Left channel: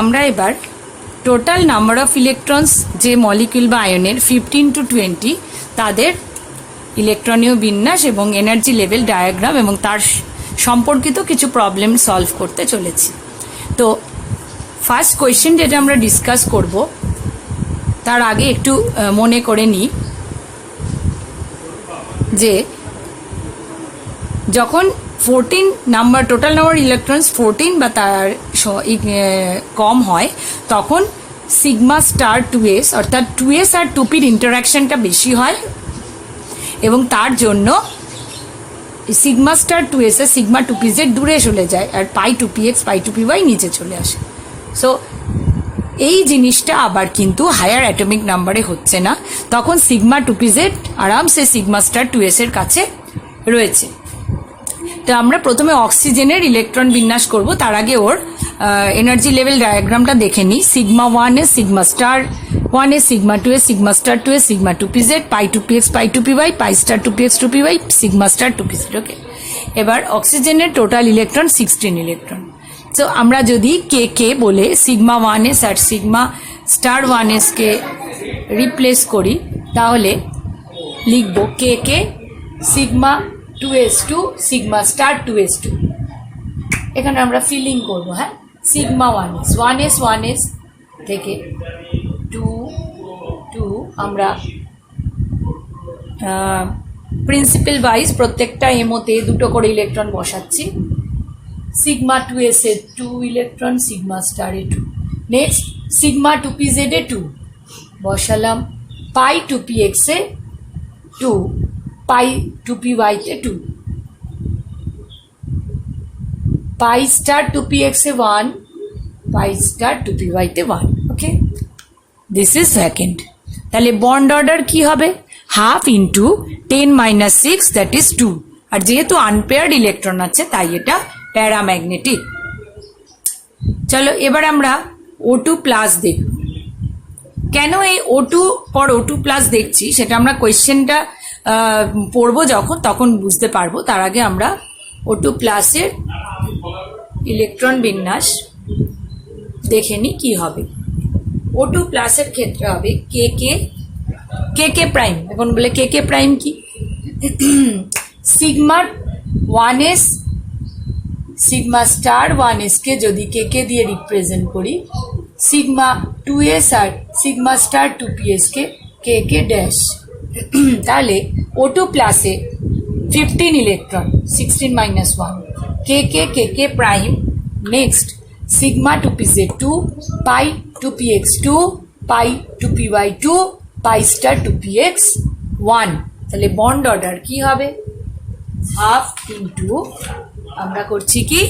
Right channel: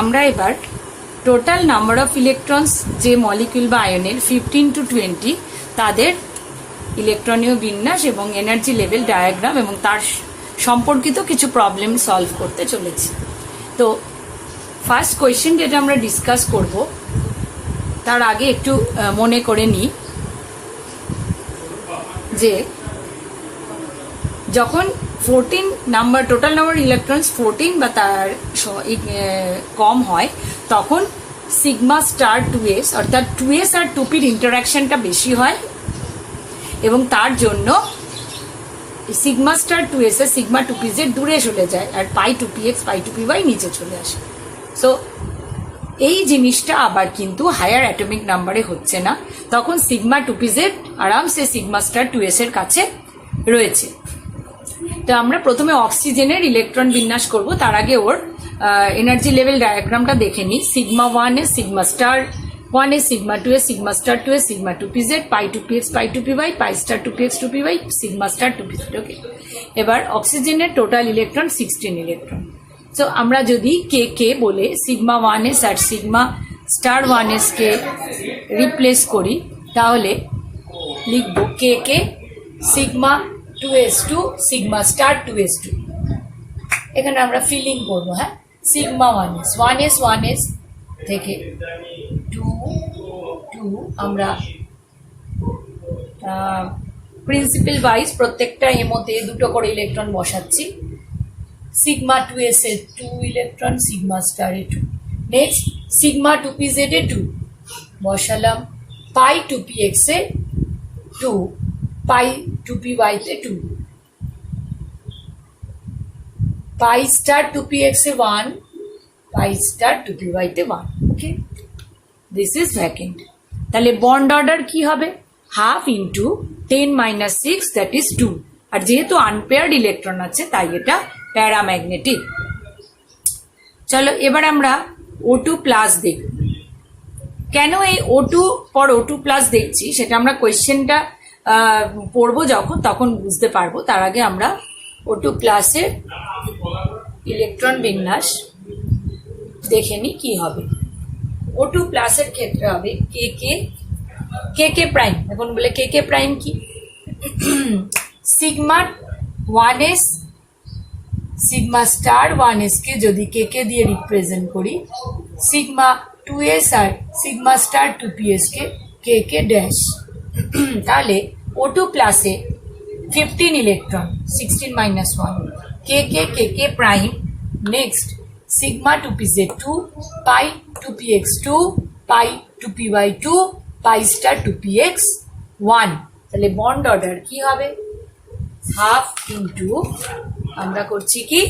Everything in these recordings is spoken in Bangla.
আমরা এবার টোটাল নাম্বার অফ ইলেকট্রনস যে মলিকিউল বা আয়নের 15 to 20 তাদের ইলেকট্রনীয় বিন্যাস এবং এনার্জি লেভেল ডায়াগ্রাম এবং তার সম্পর্কিত কিছু প্রবলেম সলভ করতে চলেছি। তো ফার্স্ট কোয়েশ্চেন যেটা আমরা ডিসকাস করব তার আগে একটু মনে করে নিই যে যখন 14 নাম্বার টোটাল নাম্বার ইলেকট্রনস 14 বা তার কম হয় তখন সিগমা স্টার 2s অর্থাৎ 2s আর 2pর ইন্টারাকশনটা বেশি হয় এবং তার জন্য সিগমা স্টার 2s এর সিগমা 2pz দূরে চলে যায় আর পাই 2px পাই 2py নিচে চলে আসে। সো এই জিনিসটা আবার কিন্তু হায়ার অ্যাটমিক নাম্বারে হচ্ছে না, তখন সিগমা 2pz আরামসে সিগমা স্টার 2s এর কাছে রয়েছে। তো আমরা প্রথমে অক্সিজেনের ইলেকট্রন বিন্যাস করব, তার আগে ওর এনার্জি লেভেল ডায়াগ্রামটা দেখে নিই। Sigma 1s sigma star 1s sigma 2s sigma star 2s sigma 2pz pi 2px pi 2py pi star 2px 2py sigma star 2pz। Okay, এবার অক্সিজেনের টোটাল ইলেকট্রন 16 ইলেকট্রন। তো আমরা যদি কে কে বলে সিগমা 1s আর সিগমা স্টার 1s কে রিপ্লেস করি তাহলে লিখব K K sigma 2s2 sigma star 2s2। এখানে আমরা ফিলিং করব। হ্যাঁ, সিগমা 1s থেকে 2 আমরা প্রিন্সিপাল ওয়াইজ প্রত্যেকটা এমোতে দুটো করে ইলেকট্রন বসাচ্ছি। সিগমা 2s এ 2 ইলেকট্রন সিগমা স্টার এ 2। নেক্সট সিগমা 2pz এ 2 বসালাম, পাই 2px এ 2 পাই 2py তে 2 পাই স্টার 2px এ 1 পাই স্টার 2py তে 1। ওকে, দিস ইজ সেকেন্ড। তাহলে বন্ড অর্ডার কি হবে? Half into 10 - 6 that is 2। আর যেহেতু আনপেয়ার্ড ইলেকট্রন আছে তাই এটা প্যারাম্যাগনেটিক। চলো এবার আমরা O2 প্লাস দেখব। কেন এই O2 পর O2 প্লাস দেখছি সেটা আমরা কোয়েশ্চেনটা পড়বো যখন তখন বুঝতে পারবো। তার আগে আমরা O2 প্লাসের ইলেকট্রন বিন্যাস দেখে নি কি হবে। O2 প্লাসের ক্ষেত্রে হবে কে কে প্রাইম। এখন বলে কে কে প্রাইম কি? Sigma 1s sigma star 1s কে যদি কে কে দিয়ে রিপ্রেজেন্ট করি, সিগমা 2s আর সিগমা স্টার 2ps কে কে কে ড্যাশ। তাহলে O2 প্লাসে 15 ইলেকট্রন 16 - 1 কে K prime. Next sigma 2pz 2 পাই 2px 2 পাই 2py 2 পাই স্টার 2px 1। তাহলে বন্ড অর্ডার কি হবে? হাফ ইন্টু আমরা করছি কি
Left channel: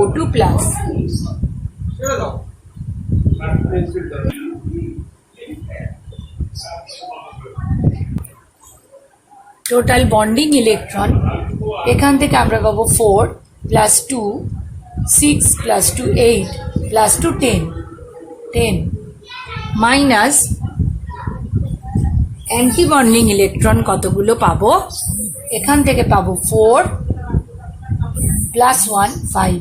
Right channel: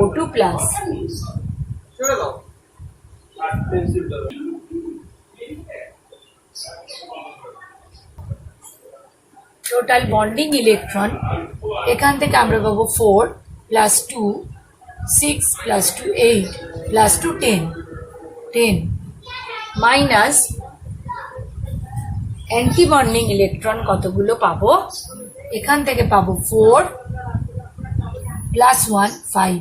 O2 plus total bonding electron. এখান থেকে আমরা পাবো 4 plus 2 6 plus 2 8 plus 2 10 minus anti bonding electron কতগুলো পাবো? এখান থেকে পাবো 4 প্লাস 1 5।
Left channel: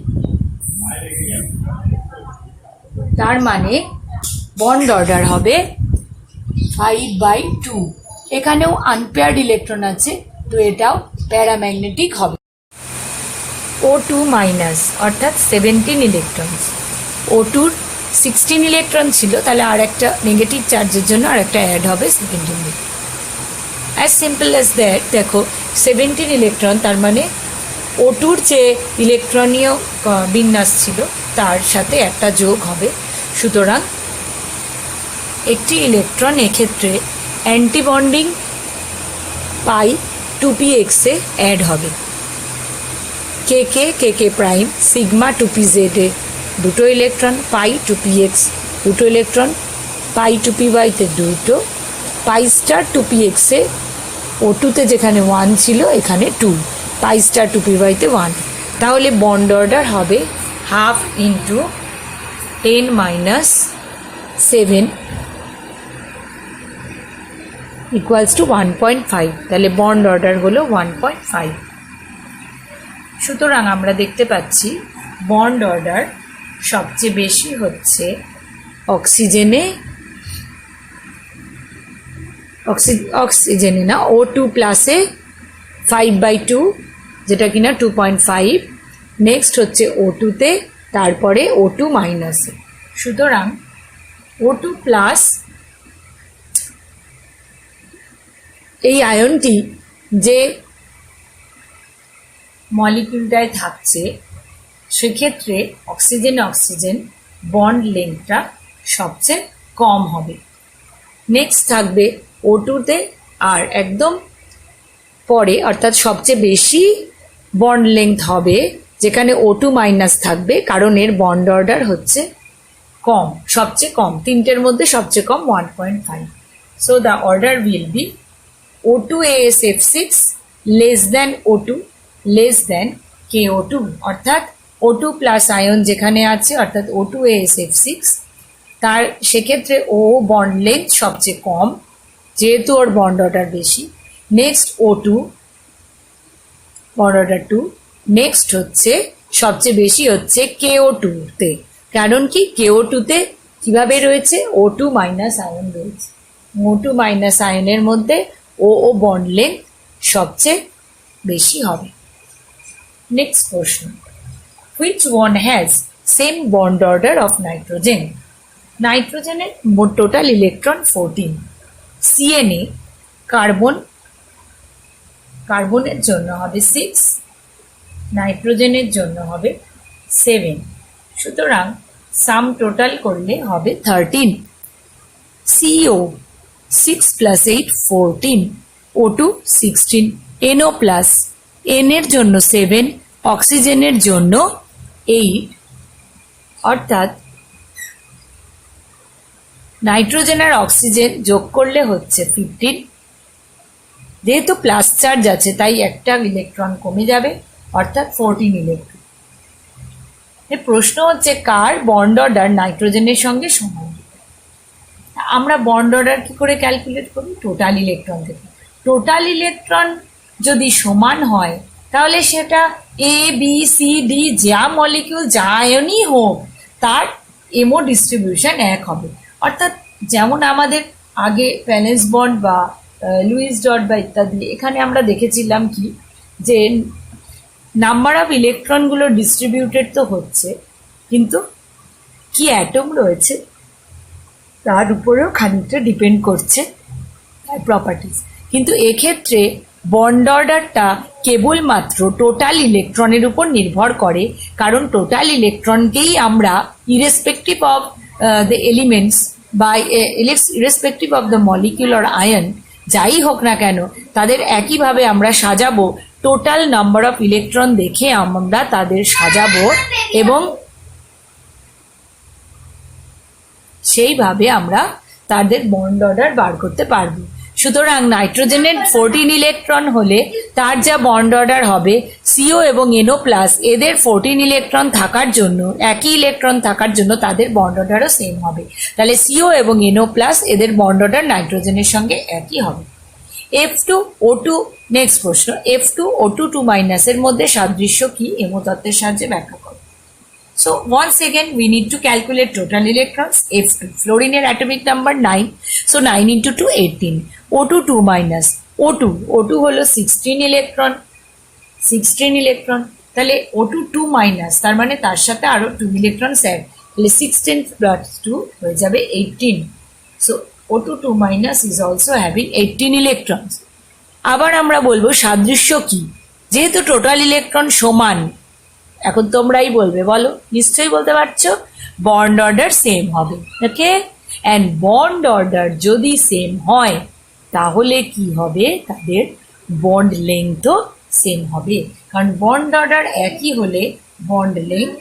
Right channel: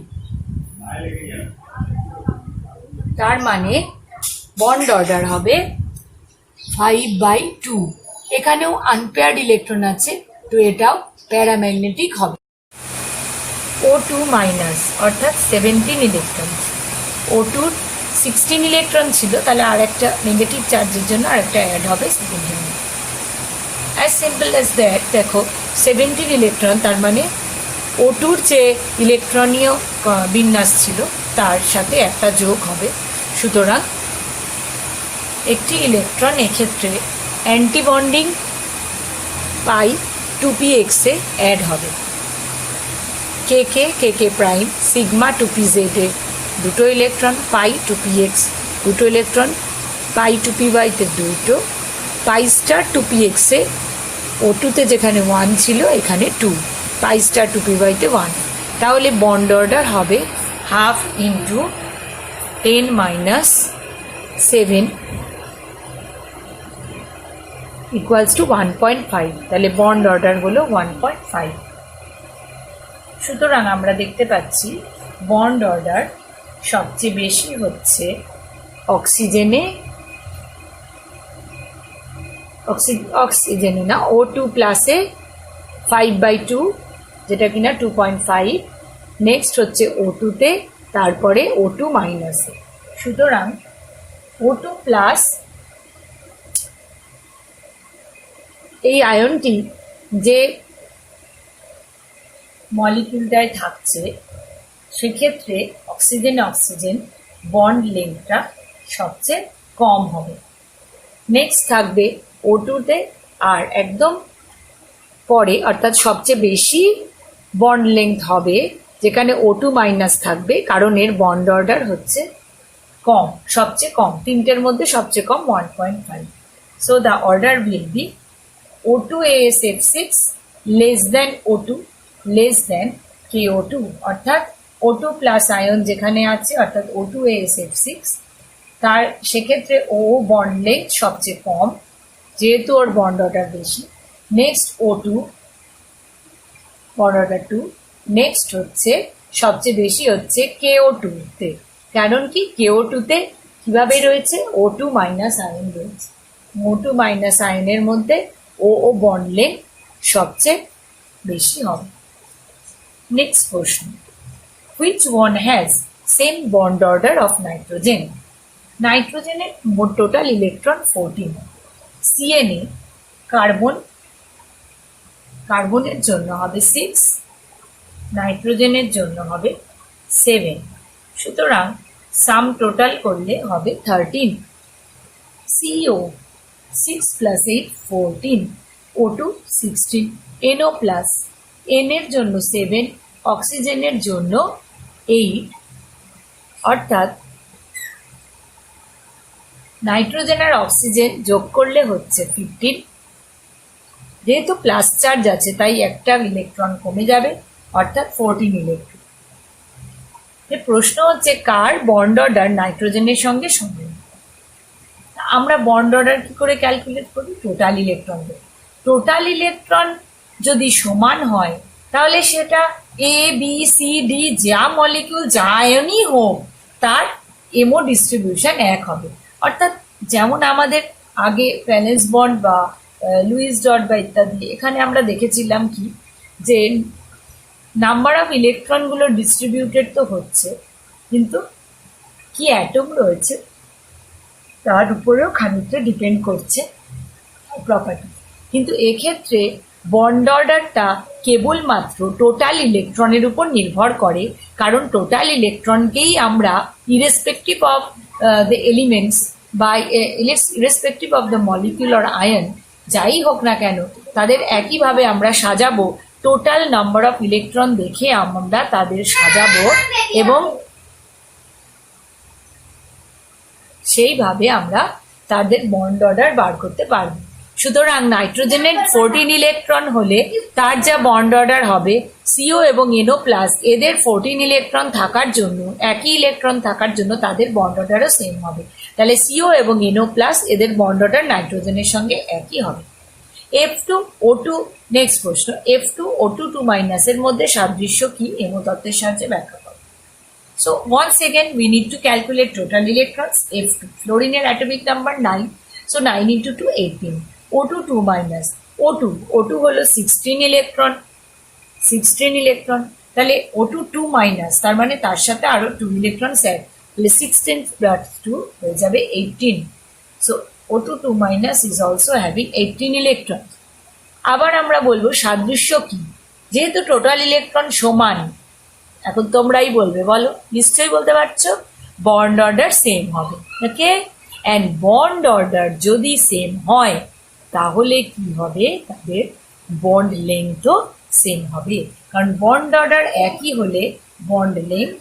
তার মানে বন্ড অর্ডার হবে 5/2। এখানেও আনপেয়ার্ড ইলেকট্রন আছে তো এটাও প্যারাম্যাগনেটিক হবে। O2 মাইনাস অর্থাৎ 17 ইলেকট্রন। O2 16 ইলেকট্রন ছিল, তাহলে আর একটা নেগেটিভ চার্জের জন্য আর একটা অ্যাড হবে 17। As simple as that. দেখো 17 ইলেকট্রন, তার মানে O2-র যে ইলেকট্রনীয় বিন্যাস ছিল তার সাথে একটা যোগ হবে। সুতরাং একটি ইলেকট্রন এক্ষেত্রে অ্যান্টি বন্ডিং পাই 2px এ অ্যাড হবে। কে কে প্রাইম সিগমা 2pz এ দুটো ইলেকট্রন, পাই 2px দুটো ইলেকট্রন, পাই 2py তে দুটো, পাই স্টার 2px এ O2 তে যেখানে 1 ছিল এখানে 2, পাই স্টার 2py তে 1। তাহলে বন্ড অর্ডার হবে হাফ ইন্টু 10 - 7 ইকুয়ালস টু 1.5। তাহলে বন্ড অর্ডার হলো 1.5। সুতরাং আমরা দেখতে পাচ্ছি বন্ড অর্ডার সবচেয়ে বেশি হচ্ছে অক্সিজেনে, অক্সিজেনে না, O2 প্লাসে 5/2, যেটা কিনা 2.5। নেক্সট হচ্ছে O2-তে, তারপরে O2 মাইনাসে। সুতরাং O2 প্লাস এই আয়নটি যে মলিকিউলটায় থাকছে সেক্ষেত্রে অক্সিজেন বন্ড লেংথটা সবচেয়ে কম হবে। নেক্সট থাকবে O2-তে, আর একদম পরে অর্থাৎ সবচেয়ে বেশি বন্ড লেংথ হবে যেখানে O2 মাইনাস থাকবে, কারণ এর বন্ড অর্ডার হচ্ছে কম, সবচেয়ে কম, তিনটের মধ্যে সবচেয়ে কম 1.5। So the order will B O2AsF6 less than O2 less than KO2, অর্থাৎ O2 প্লাস আয়ন যেখানে আছে অর্থাৎ O2AsF6, তার সেক্ষেত্রে ও বন্ড লেংথ সবচেয়ে কম যেহেতু ওর বন্ড অর্ডার বেশি। Next O2 bond order 2। Next হচ্ছে সবচেয়ে বেশি হচ্ছে KO2-তে, কারণ কি KO2-তে কিভাবে রয়েছে, O2 মাইনাস আয়ন রয়েছে। O2 মাইনাস আয়নের মধ্যে ও বন্ড লেংথ সবচেয়ে বেশি হবে। নেক্সট প্রশ্ন, which one has same bond order of nitrogen? নাইট্রোজেনের মোট টোটাল ইলেকট্রন 14, CNA কার্বনের জন্য হবে 6, নাইট্রোজেনের জন্য হবে 7। সুতরাং সাম টোটাল করলে হবে 13। CO 6 plus 8 14, O2 16, NO plus, N এর জন্য 7, অক্সিজেনের জন্য 8, অর্থাৎ নাইট্রোজেন আর অক্সিজেন যোগ করলে হচ্ছে 15। যেহেতু প্লাস চার্জ আছে তাই একটা ইলেকট্রন কমে যাবে, অর্থাৎ 14 ইলেকট্রন। প্রশ্ন হচ্ছে কার বন্ড অর্ডার নাইট্রোজেনের সঙ্গে সমান? আমরা বন্ড অর্ডার কি করে ক্যালকুলেট করি? টোটাল ইলেকট্রন থেকে। টোটাল ইলেকট্রন যদি সমান হয় তাহলে সেটা ABCD যা মলিকিউল যা আয়নই হোক তার এমও ডিস্ট্রিবিউশন এক হবে। অর্থাৎ যেমন আমাদের আগে ভ্যালেন্স বন্ড বা লুইস ডট বা ইত্যাদি, এখানে আমরা দেখেছিলাম কি যে নাম্বার অফ ইলেকট্রনগুলো ডিস্ট্রিবিউটেড তো হচ্ছে, কিন্তু কি অ্যাটম রয়েছে তার উপরেও খানিকটা ডিপেন্ড করছে প্রপার্টিজ। কিন্তু এক্ষেত্রে বন্ড অর্ডারটা কেবলমাত্র টোটাল ইলেকট্রনের উপর নির্ভর করে, কারণ টোটাল ইলেকট্রনকেই আমরা ইরেসপেক্টিভ অফ দ্য এলিমেন্টস বা irrespective of the molecule or ion যাই হোক না কেন তাদের একইভাবে আমরা সাজাবো, টোটাল নাম্বার অফ ইলেকট্রন দেখে আমরা তাদের সাজাবো এবং সেইভাবে আমরা তাদের বন্ড অর্ডার বার করতে পারবো। সুতরাং নাইট্রোজেনের 14 ইলেকট্রন হলে তার যা বন্ড অর্ডার হবে CO এবং NO প্লাস এদের 14 ইলেকট্রন থাকার জন্য, একই ইলেকট্রন থাকার জন্য তাদের বন্ড অর্ডারও সেম হবে। তাহলে CO এবং NO প্লাস এদের বন্ড অর্ডার নাইট্রোজেনের সঙ্গে একই হবে। F2 O2, নেক্সট প্রশ্ন, F2 O2 2 মাইনাসের মধ্যে সাদৃশ্য কি এমো তত্ত্বের সাহায্যে ব্যাখ্যা করো। So once again we need to calculate total electrons. F2, fluorine atomic number 9, so 9 into 2 18, O2 2 minus, O2 হলো 16 ইলেকট্রন, তাহলে O2 2 মাইনাস, তার মানে তার সাথে আরো 2 ইলেকট্রন অ্যাড, তাহলে 16 plus 2 হয়ে যাবে 18। So O2 2 minus is also having 18 electrons. আবার আমরা বলবো সাদৃশ্য কি, যেহেতু টোটাল ইলেকট্রন সমান, এখন তোমরাই বলবে, বলো, নিশ্চয়ই বলতে পারছো, বন্ড অর্ডার সেম হবে। ওকে, অ্যান্ড বন্ড অর্ডার যদি সেম হয় তাহলে কি হবে, তাদের বন্ড লেংথও সেম হবে, কারণ বন্ড অর্ডার একই হলে বন্ড লেংথ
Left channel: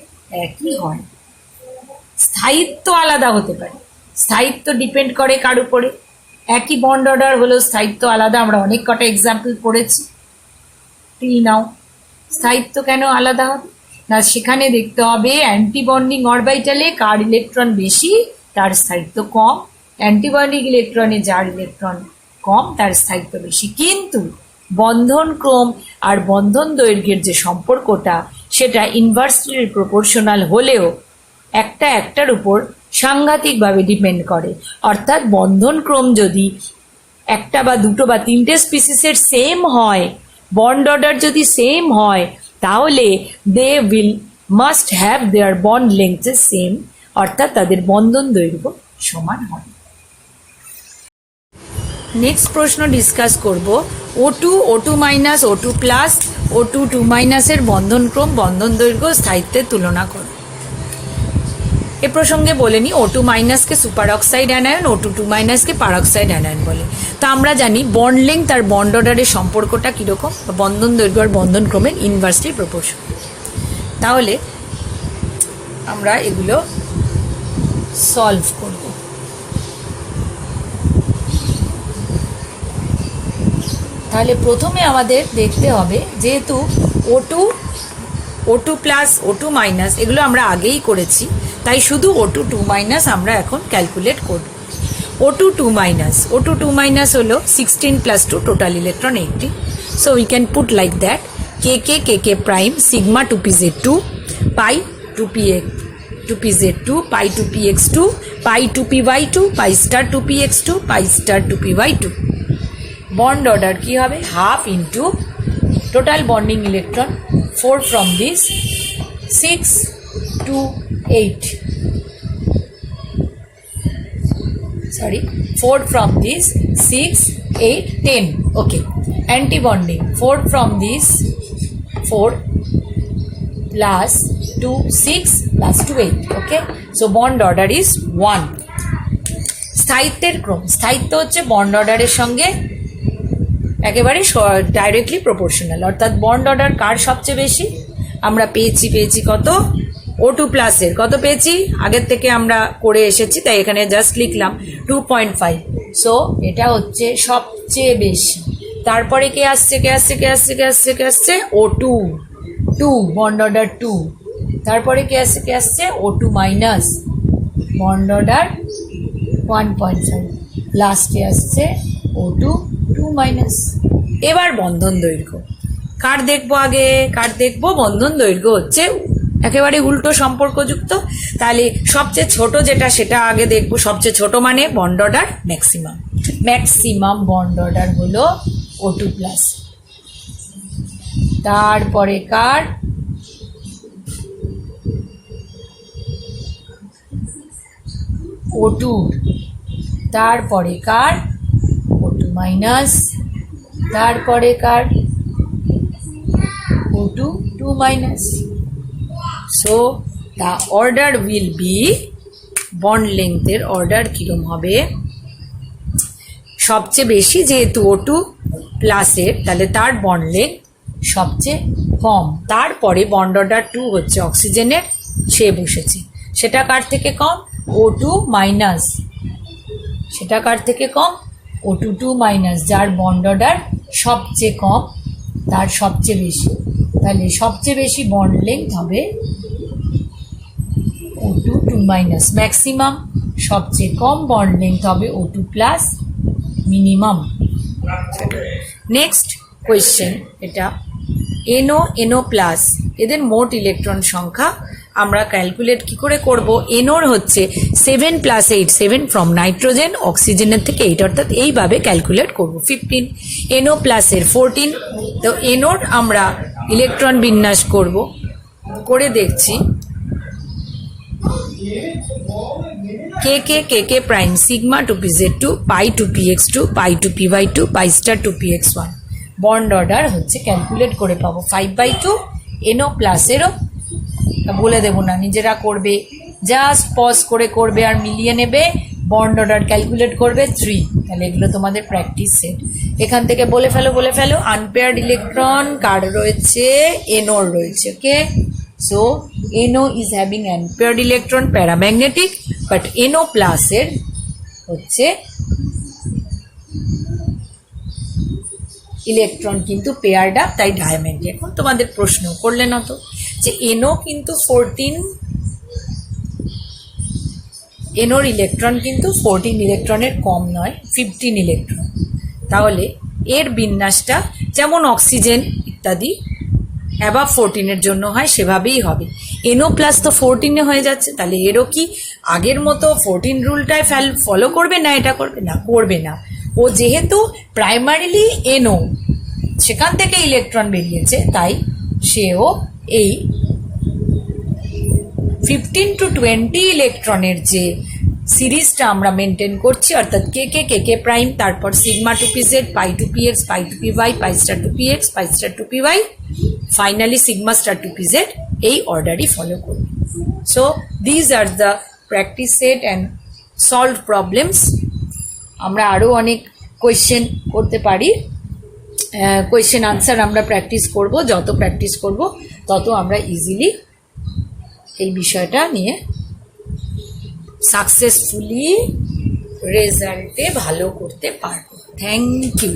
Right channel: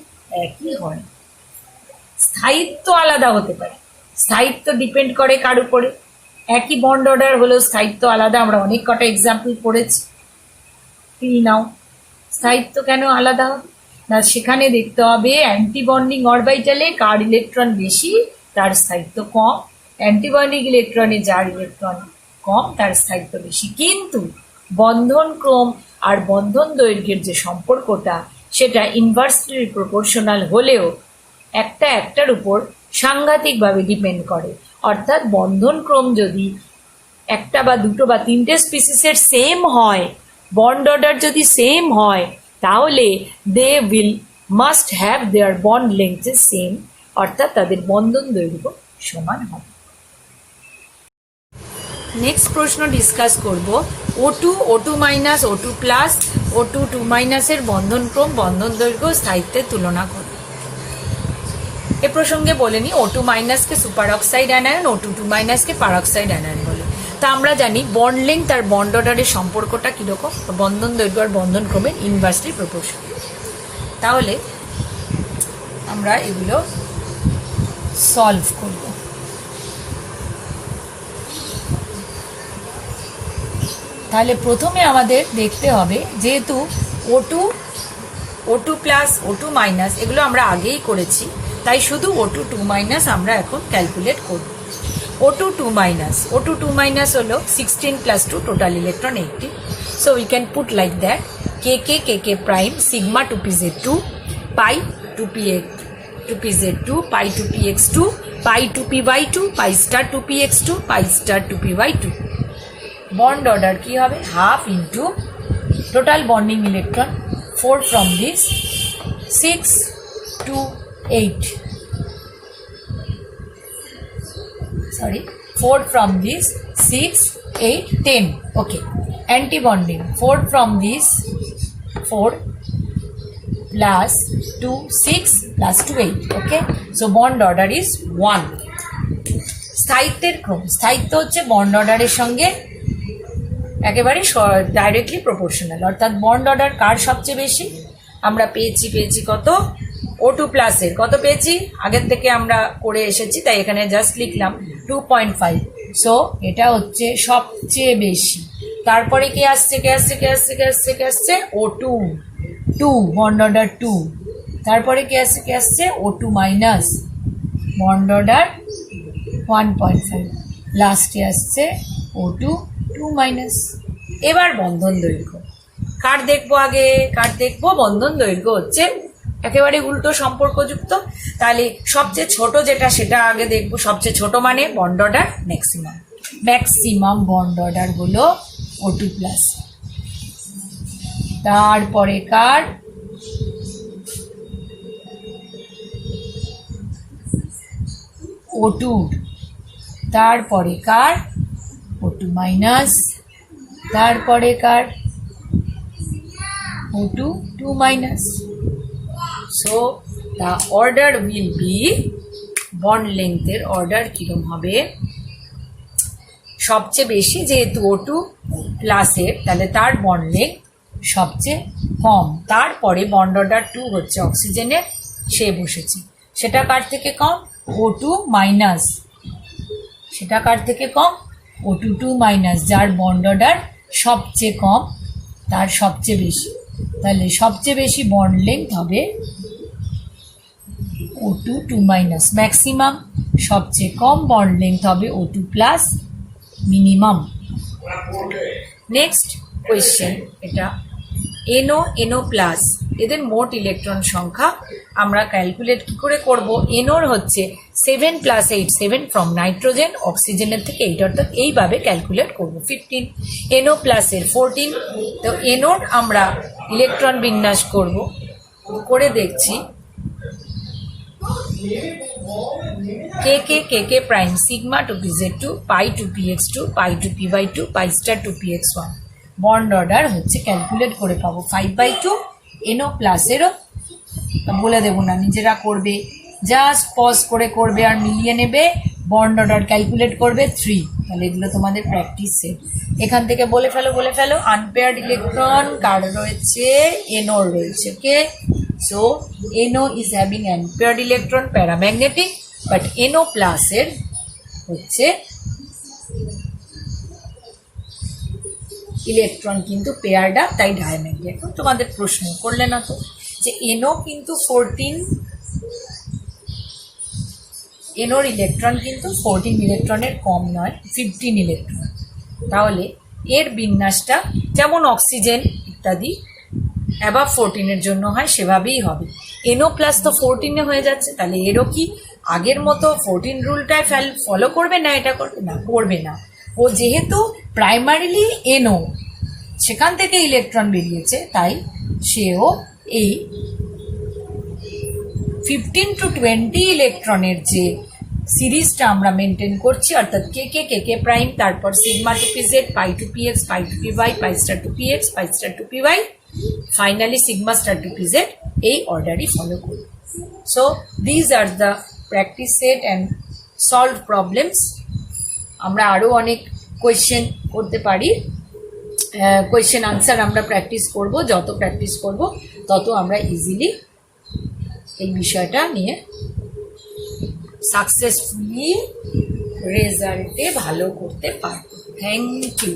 একই হয়। স্থায়িত্ব আলাদা হতে পারে, স্থায়িত্ব ডিপেন্ড করে কার উপরে, একই বন্ড অর্ডার হলেও স্থায়িত্ব আলাদা, আমরা অনেক কটা এক্সাম্পল পড়েছি। নাও স্থায়িত্ব কেন আলাদা হবে না, সেখানে দেখতে হবে অ্যান্টি বন্ডিং অরবিটালে কার ইলেকট্রন বেশি তার স্থায়িত্ব কম, অ্যান্টি বন্ডিং ইলেকট্রনে যার ইলেকট্রন কম তার স্থায়িত্ব বেশি। কিন্তু বন্ধন ক্রম আর বন্ধন দৈর্ঘ্যের যে সম্পর্কটা সেটা ইনভার্সলি প্রপোর্শনাল হলেও একটা একটার উপর সাংঘাতিকভাবে ডিপেন্ড করে। অর্থাৎ বন্ধন ক্রম যদি একটা বা দুটো বা তিনটে স্পিসিসের সেম হয়, বন্ড অর্ডার যদি সেম হয়, তাহলে they will must have their bond length same, অর্থাৎ তাদের বন্ধন দৈর্ঘ্য সমান হবে। নেক্সট প্রশ্ন ডিসকাস করব O2, O2 minus, O2 plus, O2, 2 মাইনাসের বন্ধন ক্রম, বন্ধন দৈর্ঘ্য, স্থায়িত্বের তুলনা করব। এ প্রসঙ্গে বলে নি O2 মাইনাসকে সুপার অক্সাইড অ্যানায়ন, O2, 2 মাইনাসকে পারঅক্সাইড অ্যানায়ন বলে। তা আমরা জানি বন্ড লেংথ আর বন্ড অর্ডারের সম্পর্কটা কিরকম, বন্ধন দৈর্ঘ্য আর বন্ধন ক্রমের ইনভার্সলি প্রপোর্শন। তাহলে আমরা এগুলো সলভ করব। তাহলে প্রথমে আমাদের দেখতে হবে, যেহেতু O2 প্লাস, O2 মাইনাস এগুলো আমরা আগেই করেছি, তাই শুধু O2, 2 মাইনাস আমরা এখন ক্যালকুলেট করব। O2, 2 মাইনাস হলো 16 plus 2, total electron 80। So we can put like that KK prime sigma 2pz2 pi 2pz2 pi 2px2 pi 2py2 pi star 2px2 pi star 2py2। Bond order কি হবে, half into total bonding electron 4 from this 6 to 8, sorry 4 from this 6, 8, 10, okay. Anti bonding 4 from this 4 plus 2, 6 plus 2, 8, okay. So bond order is 1. স্থায়িত্বের ক্রম, স্থায়িত্ব হচ্ছে বন্ড অর্ডারের সঙ্গে একেবারে ডাইরেক্টলি প্রপোর্শনাল, অর্থাৎ বন্ড অর্ডার কার সবচেয়ে বেশি আমরা পেয়েছি কত, O2 প্লাসের কত পেয়েছি, আগের থেকে আমরা করে এসেছি, তাই এখানে জাস্ট লিখলাম 2.5। সো এটা হচ্ছে সবচেয়ে বেশি। তারপরে কে আসছে O2, 2 বন্ড অর্ডার 2। তারপরে কে আসছে O2 মাইনাস বন্ড অর্ডার 1.5। লাস্টে আসছে O2, 2 মাইনাস। এবার বন্ধন দৈর্ঘ্য কার দেখবো, বন্ধন দৈর্ঘ্য হচ্ছে একেবারে উল্টো সম্পর্কযুক্ত। তাহলে সবচেয়ে ছোট যেটা সেটা আগে দেখবো, সবচেয়ে ছোট মানে bond order maximum bond order হলো O2 প্লাস। তারপরে কার O2, তারপরে কার O2 মাইনাস, তারপরে কার O2, 2 minus. So the order will be, bond লেংথের অর্ডার কিরম হবে, সবচেয়ে বেশি যেহেতু O2 প্লাসের, তাহলে তার বন্ড লেংথ সবচেয়ে কম। তারপরে বন্ড অর্ডার 2 হচ্ছে অক্সিজেনের, সে বসেছে, সেটা কার থেকে কম, O2 মাইনাস, সেটা কার থেকে কম, O2, 2 মাইনাস, যার বন্ড অর্ডার সবচেয়ে কম তার সবচেয়ে বেশি। তাহলে সবচেয়ে বেশি বন্ড লেংথ হবে O2, 2 মাইনাস ম্যাক্সিমাম, সবচেয়ে কম বন্ড লেংথ হবে O2 plus minimum. Next question, এটা NO প্লাস, এদের মোট ইলেকট্রন সংখ্যা আমরা ক্যালকুলেট কি করে করব। NOর হচ্ছে 7 + 8, 7 ফ্রম নাইট্রোজেন, অক্সিজেনের থেকে 8, অর্থাৎ এইভাবে ক্যালকুলেট করব। 15 NO প্লাসের 14। তো NOর আমরা ইলেকট্রন বিন্যাস করে দেখছি। KK প্রাইম সিগমা 2pz2 পাই 2px2 পাই 2py2 পাই স্টার 2px1। বন্ড অর্ডার হচ্ছে ক্যালকুলেট করে পাবো 5/2। NO প্লাসেরও বলে দেবো না, নিজেরা করবে, জাস্ট পজ করে করবে আর মিলিয়ে নেবে। বন্ড অর্ডার ক্যালকুলেট করবে 3। তাহলে এগুলো তোমাদের প্র্যাকটিস সেট। এখান থেকে বলে ফেলো আনপেয়ার্ড ইলেকট্রন কার রয়েছে, NOর রয়েছে, okay. So NO is having unpaired electron, paramagnetic, but NO প্লাসের হচ্ছে ইলেকট্রন কিন্তু পেয়ারড আপ, তাই ডায়াম্যাগনেটিক। এখন তোমাদের প্রশ্ন করলে না তো যে NO কিন্তু 14, NOর ইলেকট্রন কিন্তু 14 ইলেকট্রনের কম নয়, 15 ইলেকট্রন। তাহলে এর বিন্যাসটা যেমন অক্সিজেন ইত্যাদি অ্যাবাভ 14 এর জন্য হয় সেভাবেই হবে। এনও প্লাস তো 14 হয়ে যাচ্ছে, তাহলে এরও কি আগের মতো 14 রুলটায় ফলো করবে না? এটা করবে না, করবে না। ও যেহেতু প্রাইমারিলি এনও, সেখান থেকে ইলেকট্রন বেরিয়েছে, তাই সেও এই 15 to 20 ইলেকট্রনের যে সিরিজটা আমরা মেনটেন করছি, অর্থাৎ K K K K prime, তারপর sigma two p z, pi two p x, pi two p y, pi star two p x, pi star two p y, finally sigma star two p z, এই অর্ডারই ফলো করবে। So these are the practice set and solve problems. আমরা আরও অনেক কোয়েশ্চেন করতে পারি, কোয়েশ্চেন আনসার আমরা প্র্যাকটিস করব, যত প্র্যাকটিস করব তত আমরা ইজিলি এই বিষয়টা নিয়ে সাকসেসফুলি রেজাল্টে ভালো করতে পারবো। Thank you.